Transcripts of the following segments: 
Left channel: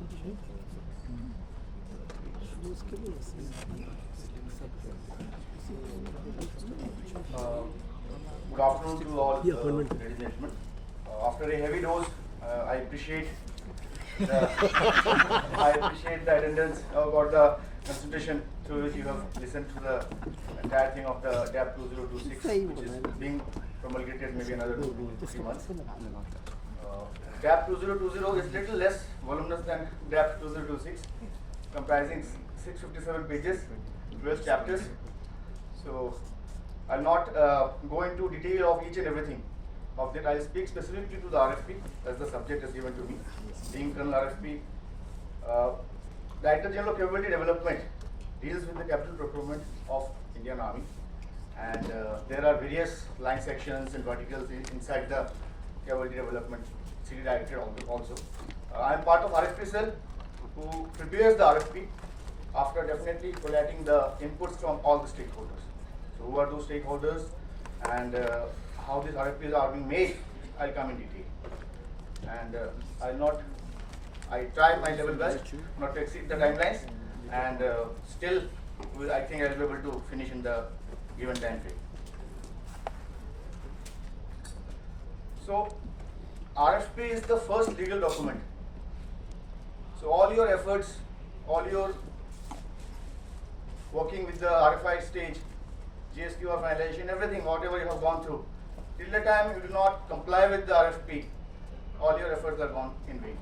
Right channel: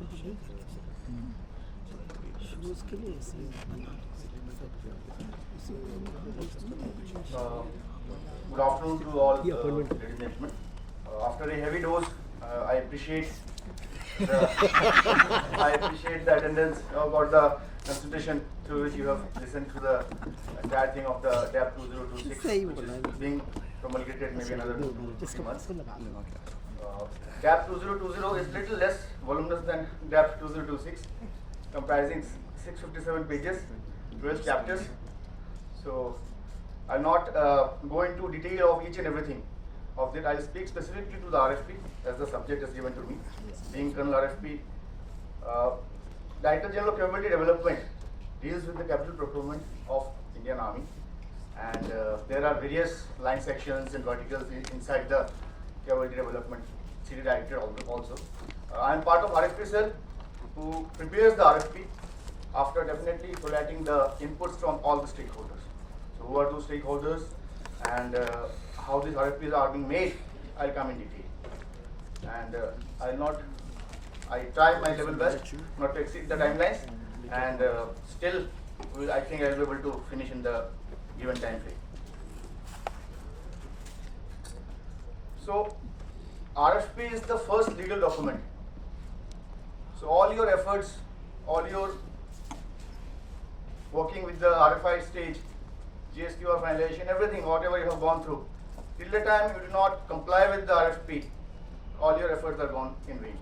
Good afternoon to all, ladies and gentlemen. After a heavy dose, I appreciate the attendance, about the concentration through which you have listened to the entire thing of the DAP 2026, which is being promulgated maybe another 2-3 months. DAP 2020 is little less voluminous than DAP 2026, comprising 657 pages, 12 chapters. So I'll not go into detail of each and everything of that. I'll speak specifically to the RFP as the subject is given to me. Being Colonel RFP, Director General of Capability Development deals with the capital procurement of Indian Army, and there are various line sections and verticals inside the capability development. CD Director also. I am part of RFP cell who prepares the RFP after definitely collating the inputs from all the stakeholders. So who are those stakeholders and how these RFPs are being made, I'll come in detail. And I try my level best not to exceed the timelines, and still I think I'll be able to finish in the given time frame. So RFP is the first legal document. So all your efforts, all your working with the RFI stage, GSQR finalization, everything, whatever you have gone through, till the time you do not comply with the RFP, all your efforts are gone in vain.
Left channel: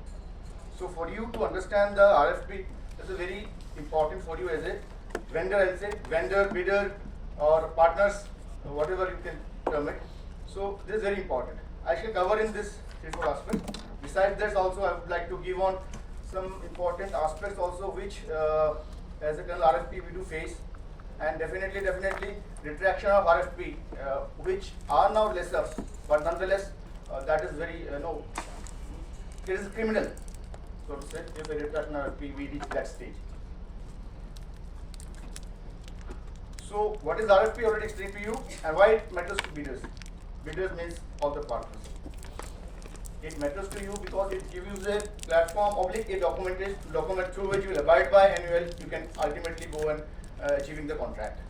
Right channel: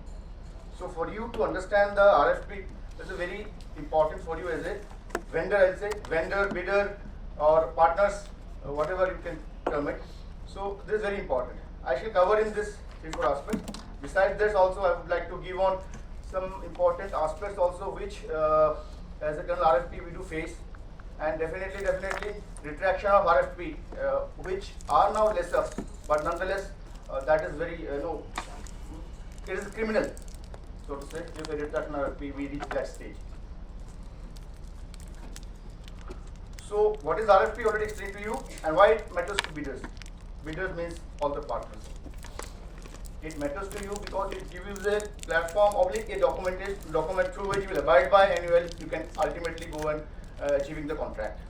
So for you to understand the RFP, this is very important for you as a vendor, I'll say, vendor, bidder, or partners, whatever you can term it. So this is very important. I shall cover in this 3-4 aspects. Besides this also, I would like to give on some important aspects also which as a Colonel RFP we do face, and definitely retraction of RFP which are now lesser, but nonetheless that is very it is criminal, so to say, if a retraction RFP we reach that stage. So what is RFP already explained to you, and why it matters to bidders. Bidders means all the partners. It matters to you because it gives you a platform a document through which you will abide by, and you can ultimately go and achieving the contract.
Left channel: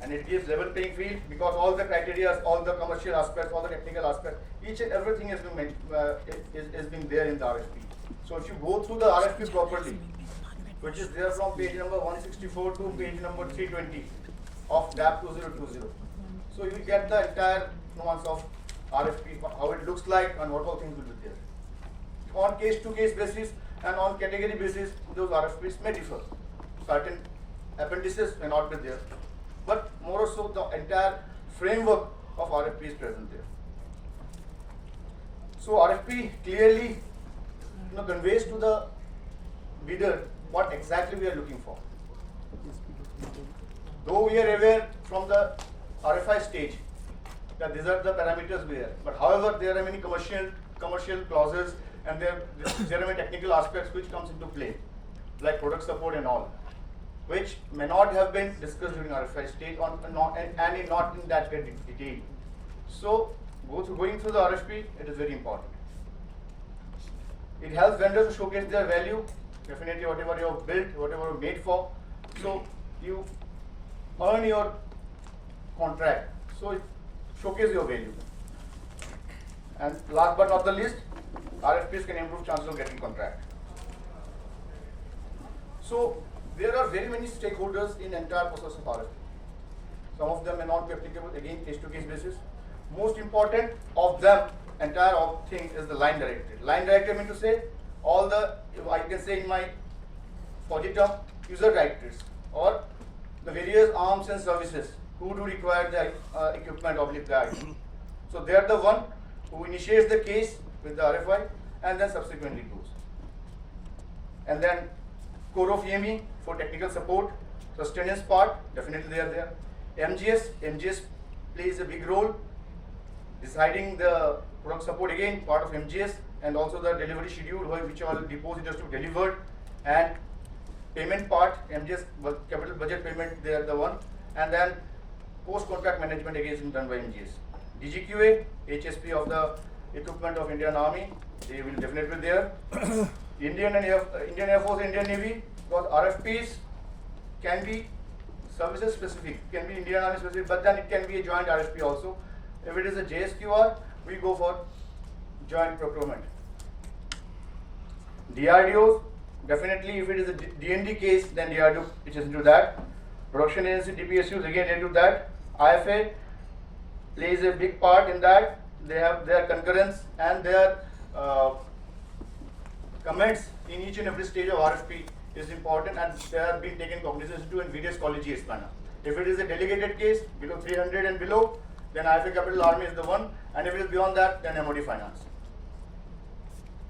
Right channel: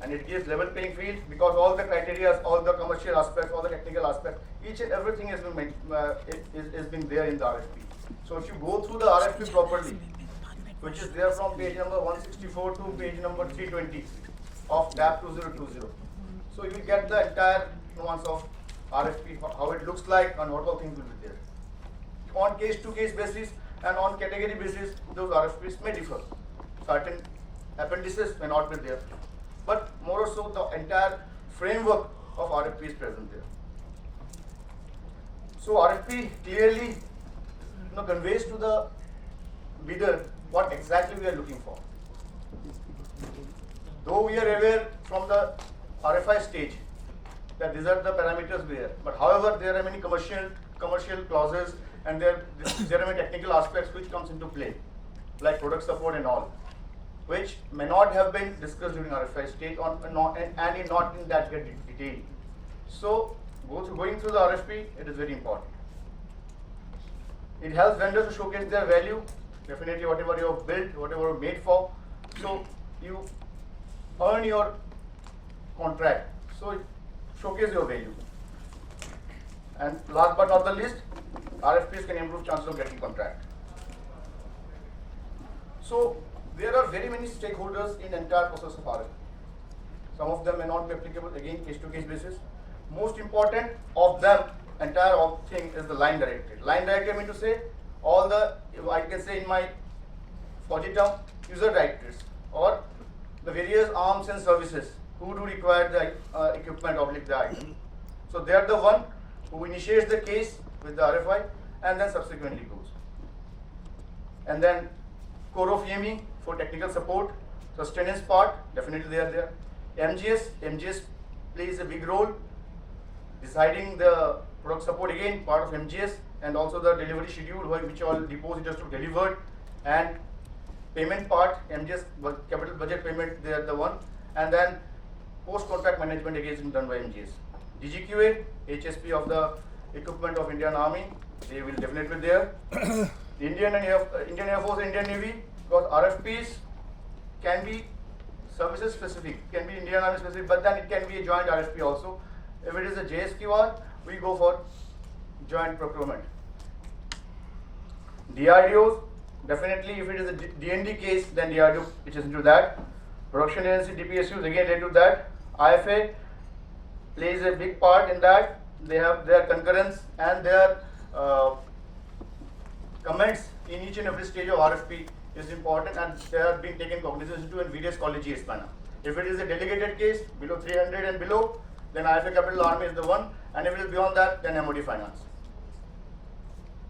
And it gives level playing field because all the criteria, all the commercial aspects, all the technical aspects, each and everything has been is being there in the RFP. So if you go through the RFP properly, which is there from page number 164 to page number 320 of DAP 2020, so you will get the entire nuance of RFP, how it looks like, and what all things will be there. On case-to-case basis and on category basis, those RFPs may differ. Certain appendices may not be there, but more or so the entire framework of RFP is present there. So RFP clearly conveys to the bidder what exactly we are looking for. Though we are aware from the RFI stage that these are the parameters there, but however there are many commercial clauses, and there are many technical aspects which comes into play, like product support and all, which may not have been discussed during RFI stage and not in that great detail. So going through the RFP, it is very important. It helps vendors to showcase their value, definitely whatever you have built, whatever you made for, so you earn your contract. So it showcase your value. And last but not the least, RFPs can improve chances of getting contract. So there are very many stakeholders in the entire process of RFP. Some of them may not be applicable, again, case-to-case basis. Most important of them, entire thing is the line director. Line director means to say all the, I can say in my project term, user directors or the various arms and services who do require the equipment or the item. So they are the one who initiates the case with the RFI and then subsequently goes. And then core of EME for technical support, sustenance part, definitely they are there. MGS plays a big role, deciding the product support, again part of MGS, and also the delivery schedule, which all depositors to deliver, and payment part, MGS capital budget payment, they are the one, and then post-contract management again is done by MGS. DGQA, HSP of the equipment of Indian Army, they will definitely be there. Indian Air Force and Indian Navy, because RFPs can be services specific, can be Indian Army specific, but then it can be a joint RFP also. If it is a JSQR, we go for joint procurement. DRDOs, definitely if it is a DND case, then DRDO which is into that. Production agency, DPSUs, again they do that. IFA plays a big part in that. They have their concurrence and their comments in each and every stage of RFP is important, and they have been taken cognizance to in various colleges. If it is a delegated case below 300 and below, then IFA Capital Army is the one, and if it is beyond that, then MOD Finance.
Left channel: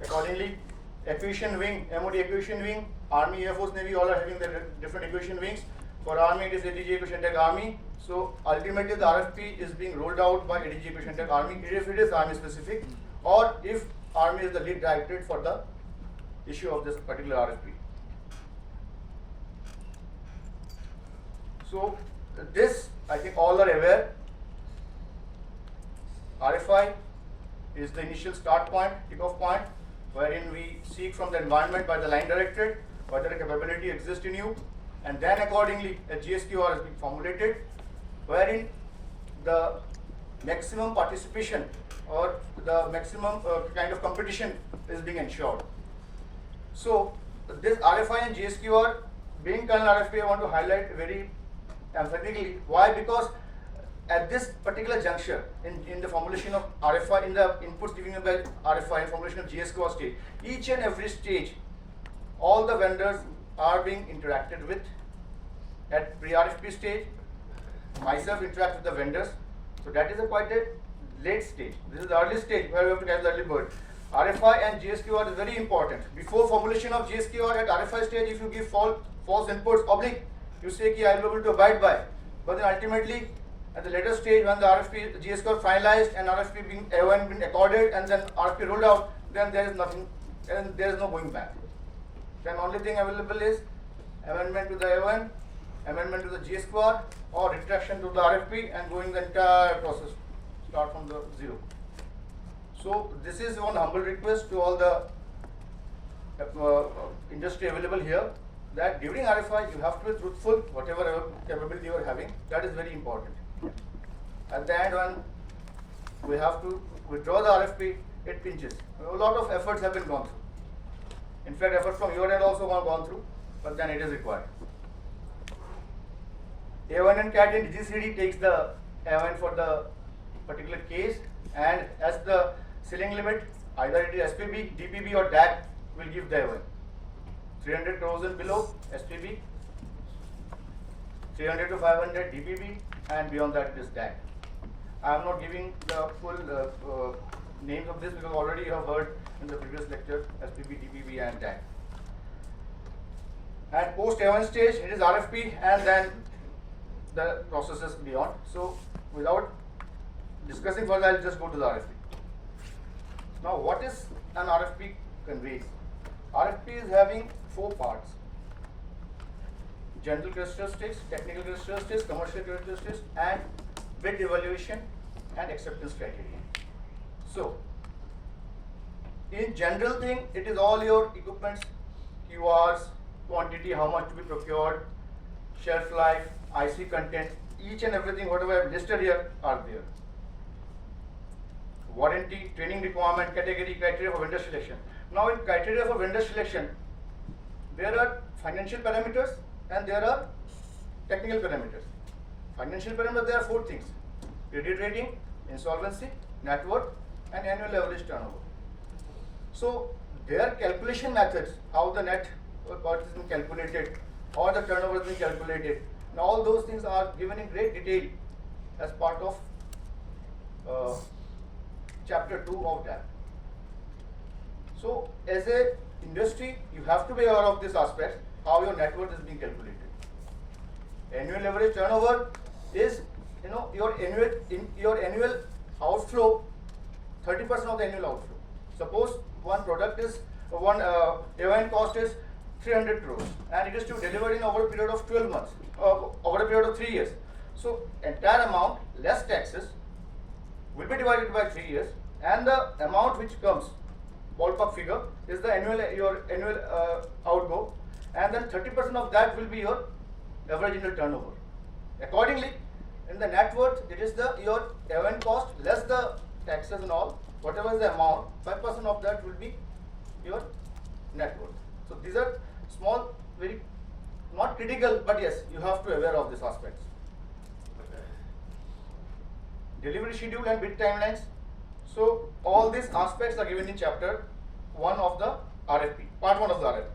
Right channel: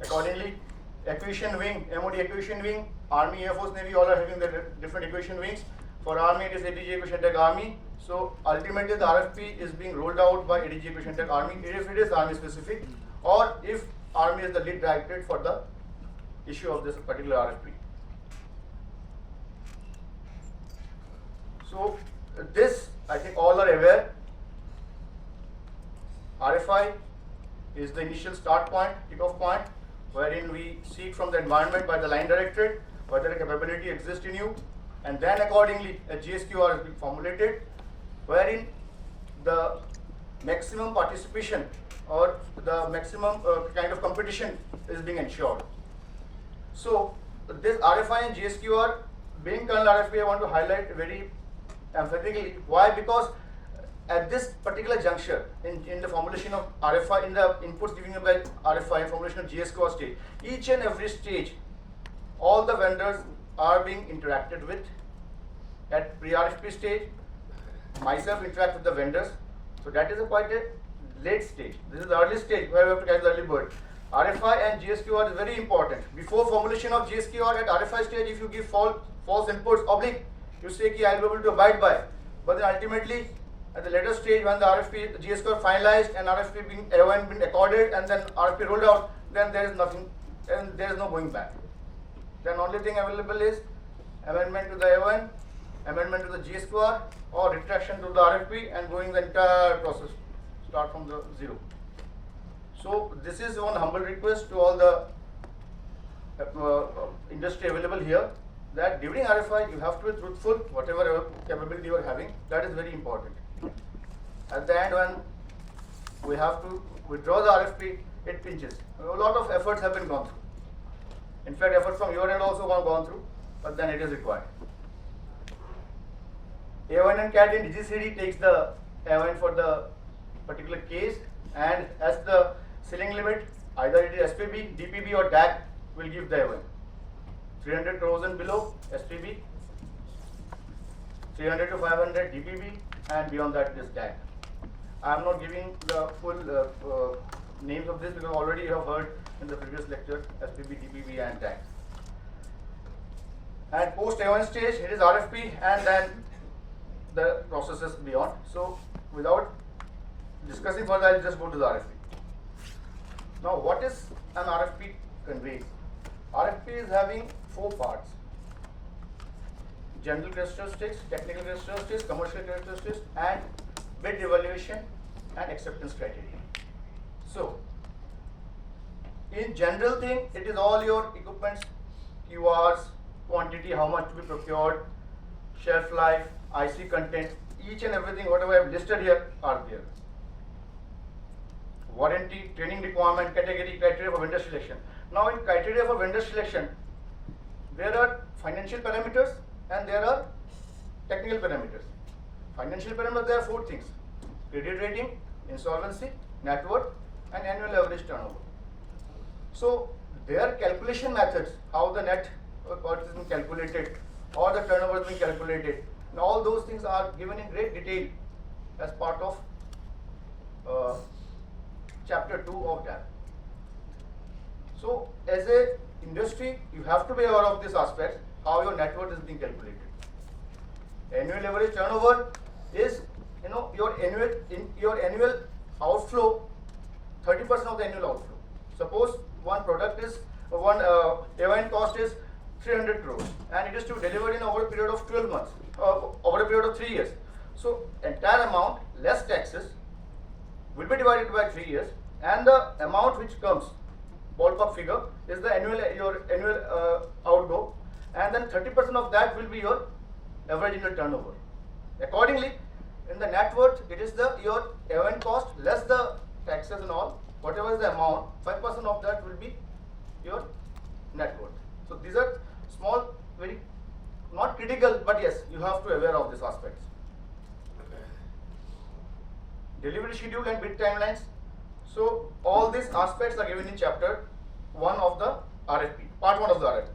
Accordingly, acquisition wing, MOD acquisition wing, Army, Air Force, Navy, all are having their different acquisition wings. For Army, it is ADG Acquisition Tech Army. So ultimately, the RFP is being rolled out by ADG Acquisition Tech Army if it is Army specific, or if Army is the lead directorate for the issue of this particular RFP. So this, I think all are aware. RFI is the initial start point, kickoff point, wherein we seek from the environment by the line directorate whether a capability exists in you, and then accordingly a GSQR has been formulated, wherein the maximum participation or the maximum kind of competition is being ensured. So this RFI and GSQR being Colonel RFP, I want to highlight very emphatically. Why? Because at this particular juncture in the formulation of RFI, in the inputs given by RFI and formulation of GSQR stage, each and every stage, all the vendors are being interacted with. At pre-RFP stage, myself interact with the vendors. So that is quite a late stage. This is the early stage where we have to catch the early bird. RFI and GSQR is very important. Before formulation of GSQR at RFI stage, if you give false inputs, you say ki I will be able to abide by. But then ultimately, at the later stage, when the RFP, GSQR finalized and RFP being AON been accorded and then RFP rolled out, then there is nothing, and there is no going back. Then only thing available is amendment to the AON, amendment to the GSQR, or retraction to the RFP, and going the entire process, start from the zero. So this is one humble request to all the industry available here, that during RFI you have to be truthful, whatever capability you are having, that is very important. At the end, when we have to withdraw the RFP, it pinches. A lot of efforts have been gone through. In fact, efforts from your end also gone through, but then it is required. A1 and CAT in DGCD takes the A1 for the particular case, and as the ceiling limit, either it is SPB, DPB or DAC will give the A1. 300 crores and below SPB, 300 to 500 DPB, and beyond that it is DAC. I am not giving the full names of this because already you have heard in the previous lecture SPB, DPB and DAC. And post A1 stage, it is RFP and then the processes beyond. So without discussing further, I'll just go to the RFP. Now what is an RFP conveys? RFP is having 4 parts: general characteristics, technical characteristics, commercial characteristics, and bid evaluation and acceptance criteria. So in general thing, it is all your equipments, QRs, quantity, how much to be procured, shelf life, IC content, each and everything whatever I have listed here are there. Warranty, training requirement, category, criteria for vendor selection. Now in criteria for vendor selection, there are financial parameters and there are technical parameters. Financial parameters, there are 4 things: credit rating, insolvency, net worth, and annual average turnover. So their calculation methods, how the net worth is being calculated or the turnover is being calculated, and all those things are given in great detail as part of chapter 2 of that. So as a industry, you have to be aware of this aspect, how your net worth is being calculated. Annual average turnover is, your annual outflow, 30% of the annual outflow. Suppose one product is AON cost is 300 crores and it is to be delivered in over a period of 12 months, over a period of 3 years. So entire amount less taxes will be divided by 3 years, and the amount which comes ballpark figure is the your annual outgo, and then 30% of that will be your average annual turnover. Accordingly, in the net worth, it is the your event cost less the taxes and all. Whatever is the amount, 5% of that will be your net worth. So these are small, very not critical, but yes, you have to be aware of these aspects. Delivery schedule and bid timelines. So all these aspects are given in chapter 1 of the RFP, part 1 of the RFP.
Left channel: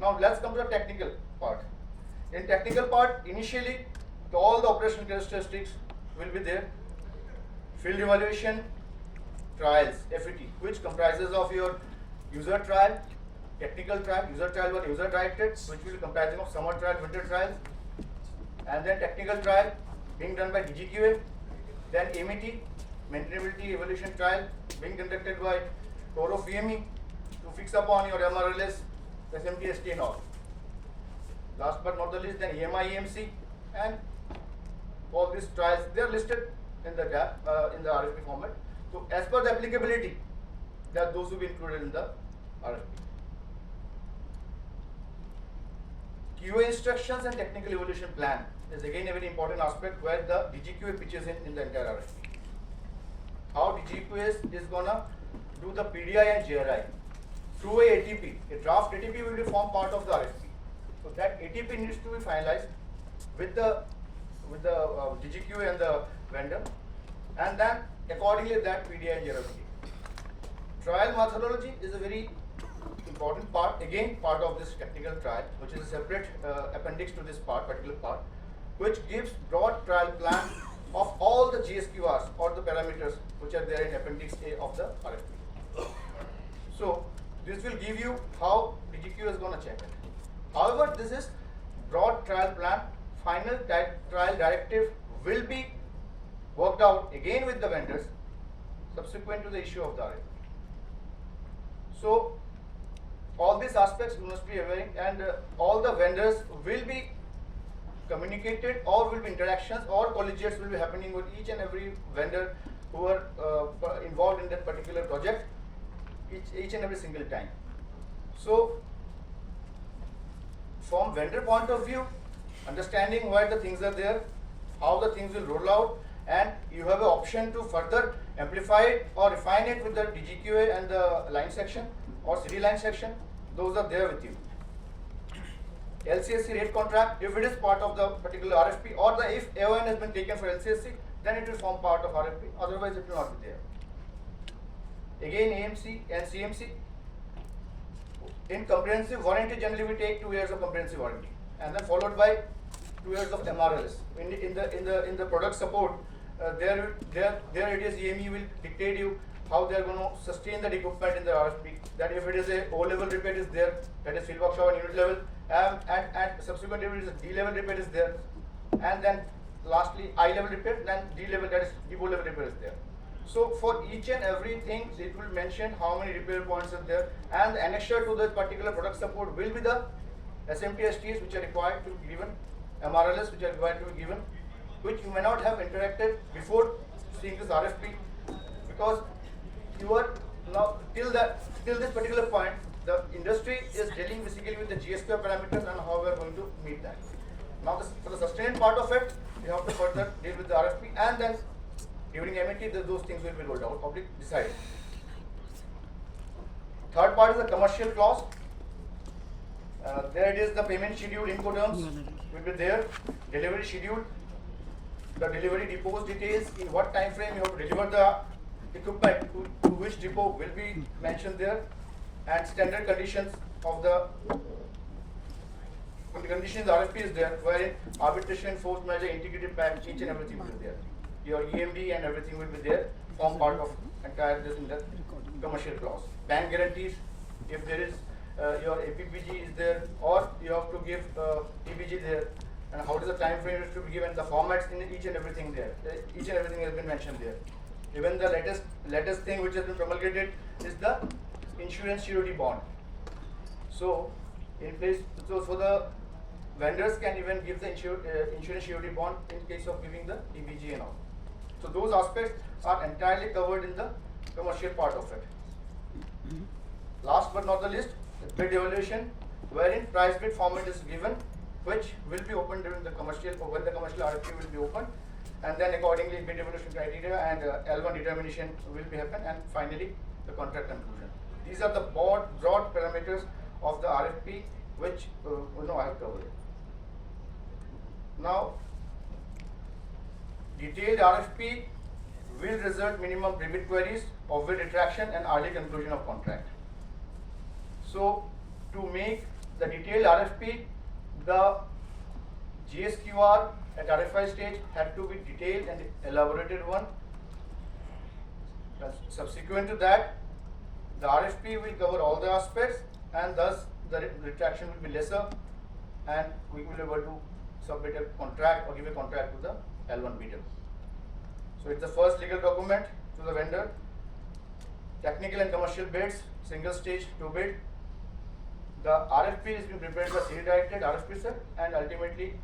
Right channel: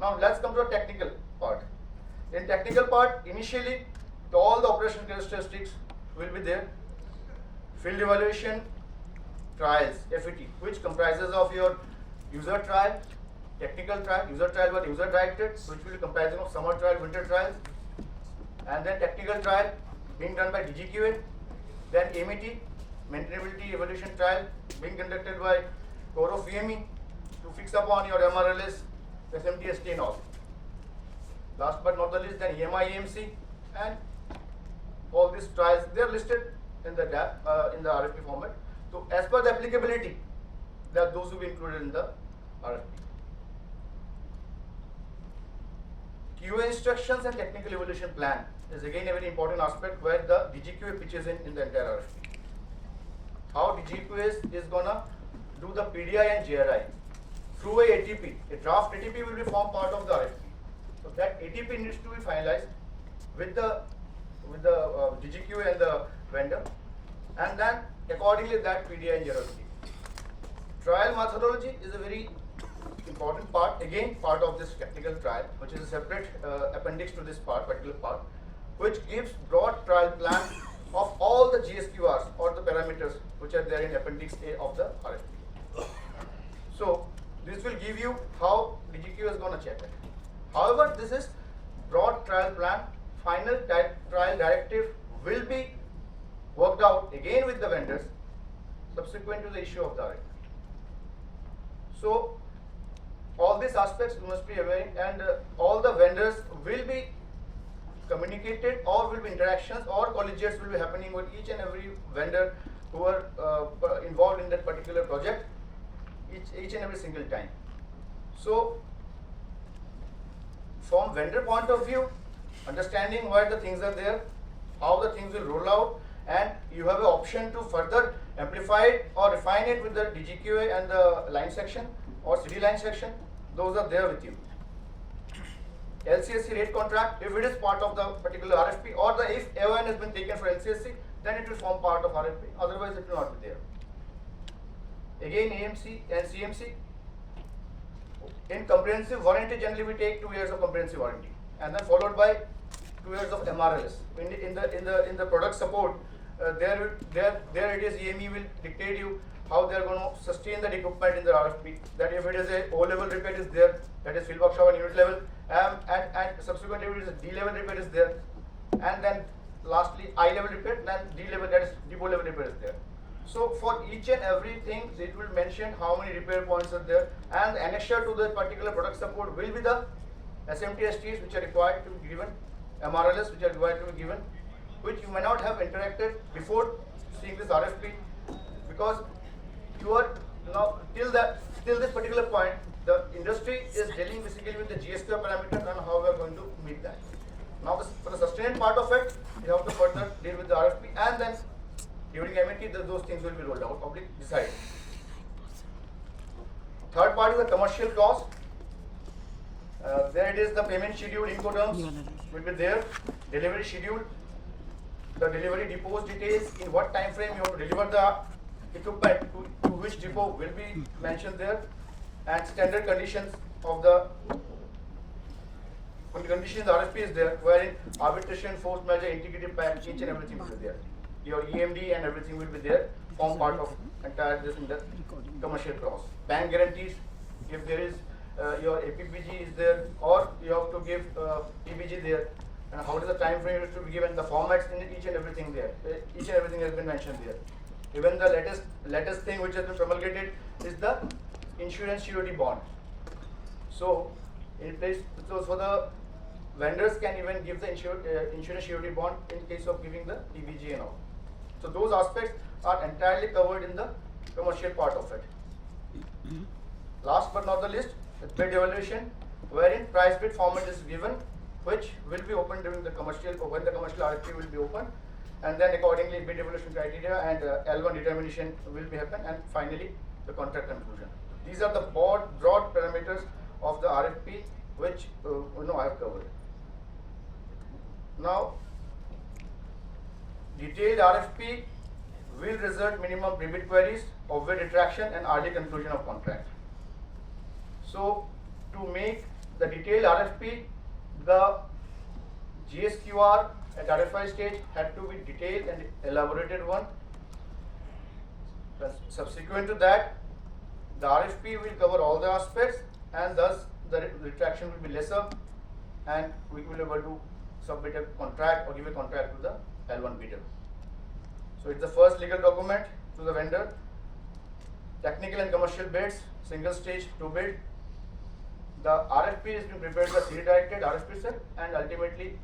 Now let's come to the technical part. In technical part, initially all the operational characteristics will be there. Field evaluation, trials, FET, which comprises of your user trial, technical trial, user trial but user directed, which will be comprising of summer trial, winter trials, and then technical trial being done by DGQA, then MET, maintainability evaluation trial being conducted by core of VME to fix upon your MRLS, SMTST and all. Last but not the least, then EMI, EMC, and all these trials, they are listed in the RFP format. So as per the applicability, that those will be included in the RFP. QA instructions and technical evaluation plan is again a very important aspect where the DGQA pitches in the entire RFP. How DGQA is gonna do the PDI and JRI through a ATP. A draft ATP will be formed part of the RFP. So that ATP needs to be finalized with the DGQA and the vendor, and then accordingly that PDI and JRI. Trial methodology is a very important part, again part of this technical trial, which is a separate appendix to this particular part, which gives broad trial plan of all the GSQRs or the parameters which are there in appendix A of the RFP. So this will give you how DGQ is going to check it. However, this is broad trial plan. Final trial directive will be worked out again with the vendors subsequent to the issue of the RFP. So all these aspects you must be aware, and all the vendors will be communicated, or will be interactions or collegiates will be happening with each and every vendor who are involved in that particular project each and every single time. So from vendor point of view, understanding where the things are there, how the things will roll out, and you have an option to further amplify it or refine it with the DGQA and the line section or CD line section. Those are there with you. LCSC rate contract, if it is part of the particular RFP, or if AON has been taken for LCSC, then it will form part of RFP, otherwise it will not be there. Again, AMC and CMC. In comprehensive warranty, generally we take 2 years of comprehensive warranty, and then followed by 2 years of MRLS. In the product support, there it is EME will dictate you how they are going to sustain that equipment in the RFP. That if it is a O level repair is there, that is field workshop and unit level, and subsequently if it is a D level repair is there, and then lastly I level repair, then D level, that is depot level repair is there. So for each and everything, it will mention how many repair points are there, and the annexure to that particular product support will be the SMTSTs which are required to be given, MRLS which are required to be given, which you may not have interacted before seeing this RFP, because you are now till this particular point, the industry is dealing basically with the GSQ parameters and how we are going to meet that. Now for the sustained part of it, you have to further deal with the RFP, and then during MET those things will be rolled out, public decided. Third part is the commercial clause. There it is, the payment schedule, Incoterms will be there, delivery schedule, the delivery depots details, in what time frame you have to deliver the equipment to which depot will be mentioned there, and standard conditions of the conditions in the RFP is there, wherein arbitration, force measure, integrated pack, each and everything will be there. Your EMD and everything will be there, form part of entire this in the commercial clause. Bank guarantees, if there is your APPG is there, or you have to give TBG there, and how does the time frame is to be given, the formats in each and everything there. Each and everything has been mentioned there. Even the latest thing which has been promulgated is the insurance surety bond. So in place, so for the vendors can even give the insurance surety bond in case of giving the TBG and all. So those aspects are entirely covered in the commercial part of it. Last but not the least, the bid evaluation, wherein price bid format is given, which will be opened during the commercial, or when the commercial RFP will be opened, and then accordingly bid evaluation criteria and L1 determination will be happen, and finally the contract conclusion. These are the broad parameters of the RFP, which I have covered. Now, detailed RFP will result minimum pre-bid queries, of-bid retraction, and early conclusion of contract. So, to make the detailed RFP, the GSQR at RFI stage had to be detailed and elaborated one. Subsequent to that, the RFP will cover all the aspects, and thus the retraction will be lesser, and we will be able to submit a contract or give a contract to the L1 bidder. So it's the first legal document to the vendor. Technical and commercial bids, single stage to bid. The RFP is being prepared by CD directed RFP sir, and ultimately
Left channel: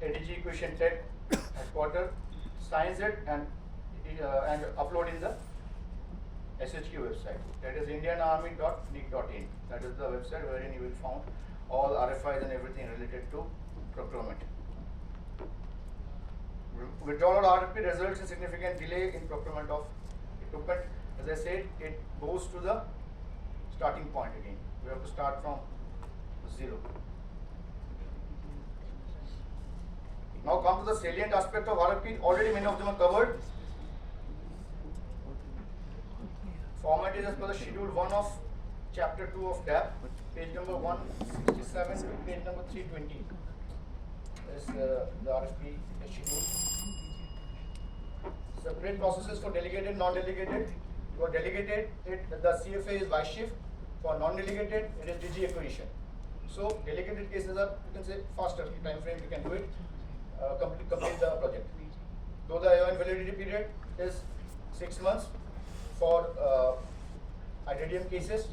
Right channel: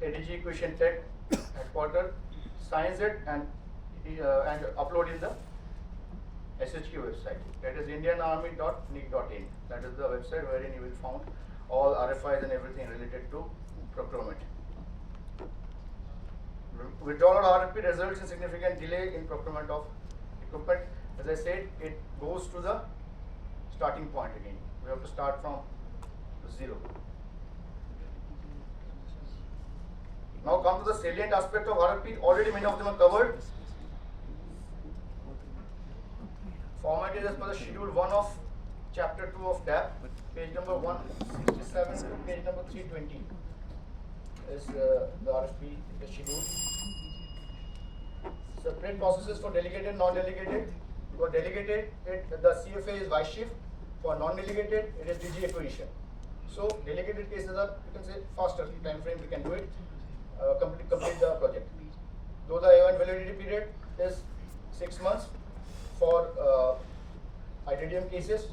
ADG Equation Tech headquarters signs it and upload in the SHQ website. That is indianarmy.nic.in. That is the website wherein you will find all RFIs and everything related to procurement. Withdrawal of RFP results in significant delay in procurement of equipment. As I said, it goes to the starting point again. We have to start from zero. Now come to the salient aspect of RFP. Already many of them are covered. Format is as per the schedule 1 of chapter 2 of DAP, page number 167 to page number 320 is the RFP schedule. Separate processes for delegated, non-delegated. For delegated, the CFA is vice chief. For non-delegated, it is DG acquisition. So delegated cases are, you can say, faster time frame. You can do it, complete the project. Though the AON validity period is 6 months for IDDM cases,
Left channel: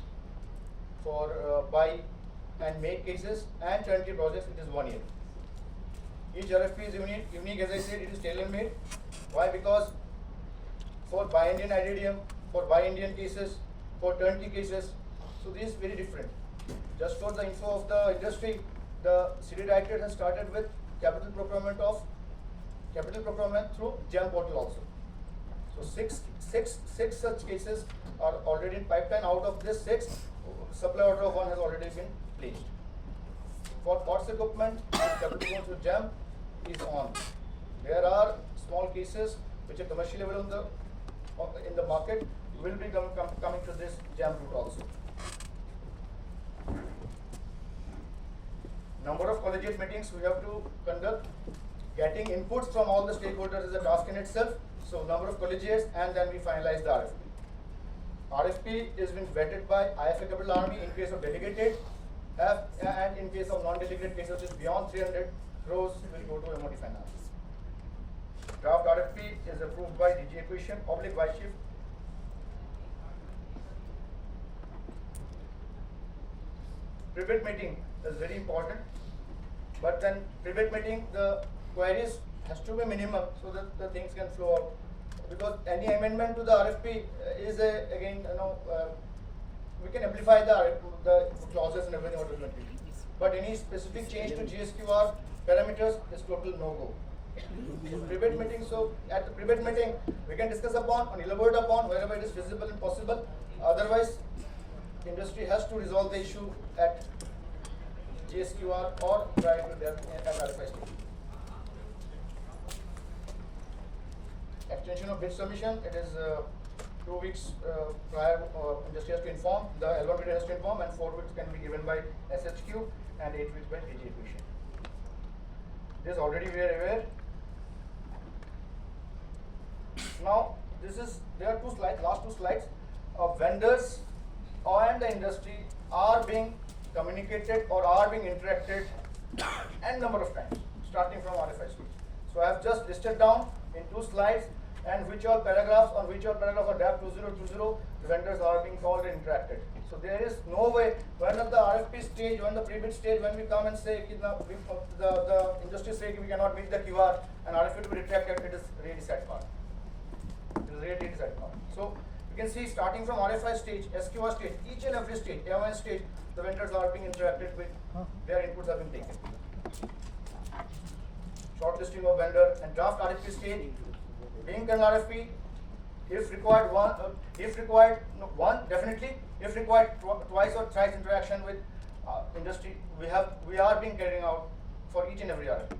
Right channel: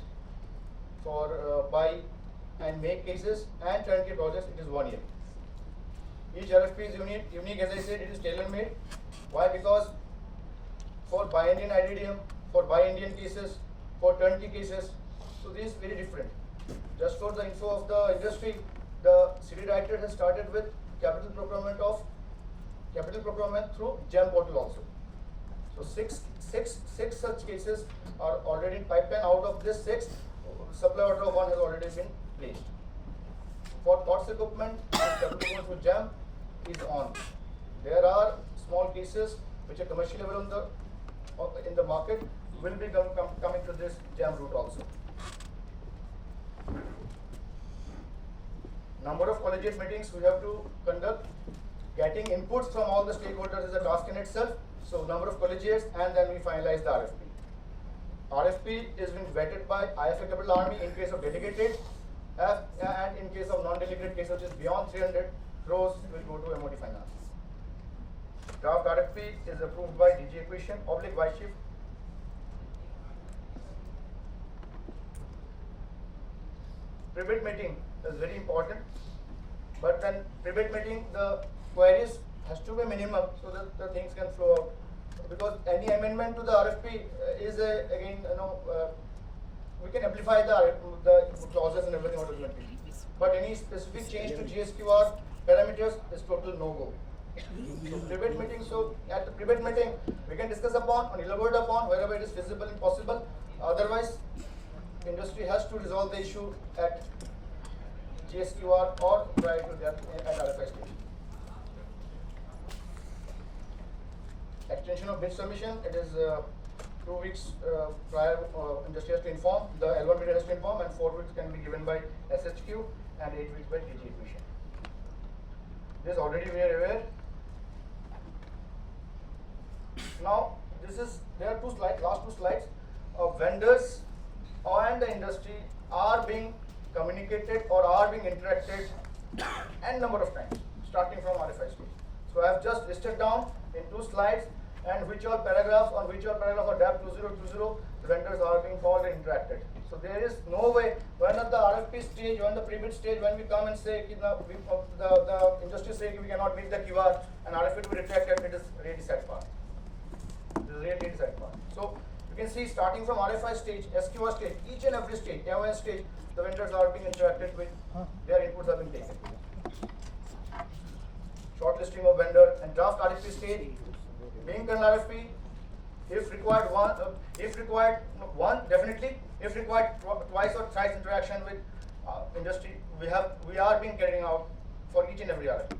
for buy and make cases, and turnkey projects, it is 1 year. Each RFP is unique, as I said, it is tailor-made. Why? Because for buy Indian IDDM, for buy Indian cases, for turnkey cases, so these very different. Just for the info of the industry, the city director has started with capital procurement through GEM portal also. So six such cases are already in pipeline. Out of this 6, supply order of 1 has already been placed. For COTS equipment, capital procurement through GEM is on. There are small cases which are commercially available in the market, will be coming to this GEM route also. Number of collegiate meetings we have to conduct. Getting inputs from all the stakeholders is a task in itself. So number of collegiates, and then we finalize the RFP. RFP is being vetted by IFA Army in case of delegated, and in case of non-delegated case, which is beyond 300 crores, will go to MOD Finance. Draft RFP is approved by DG Acquisition, vice chief. Pre-bid meeting is very important, but then pre-bid meeting, the queries has to be minimum so that the things can flow out. Because any amendment to the RFP is again, we can amplify the clauses and everything automatically. But any specific change to GSQR parameters is total no-go. Pre-bid meeting, so at the pre-bid meeting, we can discuss upon and elaborate upon wherever it is feasible and possible. Otherwise, industry has to resolve the issue at GSQR or try to that at RFI stage. Extension of bid submission, it is 2 weeks prior, industry has to inform, the L1 bidder has to inform, and 4 weeks can be given by SHQ and 8 weeks by DG Acquisition. This already we are aware. Now, there are 2 slides, last 2 slides of vendors and the industry are being communicated or are being interacted n number of times, starting from RFI stage. So I have just listed down in 2 slides, and which all paragraphs of DAP 2020 the vendors are being called and interacted. So there is no way when at the RFP stage, when the pre-bid stage, when we come and say the industry say we cannot meet the QR and RFP to be retracted, it is really sad part. It is really sad part. So You can see starting from RFI stage, SQR stage, each and every stage, AON stage, the vendors are being interacted with, their inputs are being taken. Shortlisting of vendor and draft RFP stage, being done RFP, if required one definitely, if required twice or thrice interaction with industry, we are being carrying out for each and every RFP.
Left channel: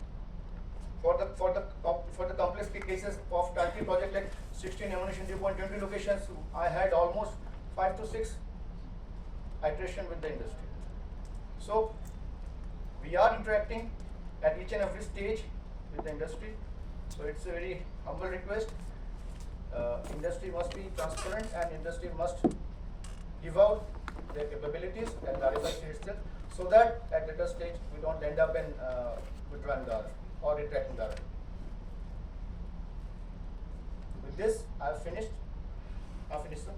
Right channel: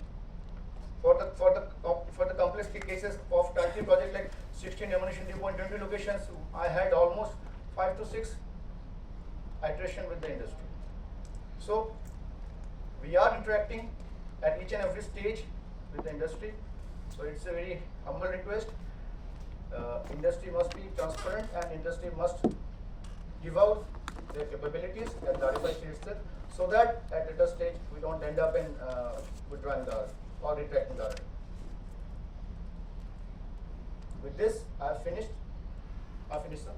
For the complex cases of turnkey project like 16 ammunition depot and 20 locations, I had almost 5 to 6 iteration with the industry. So we are interacting at each and every stage with the industry. So it's a very humble request. Industry must be transparent and industry must give out their capabilities at the RFI stage itself, so that at later stage we don't end up in withdrawing the RFP or retracting the RFP. With this, I have finished. Sir.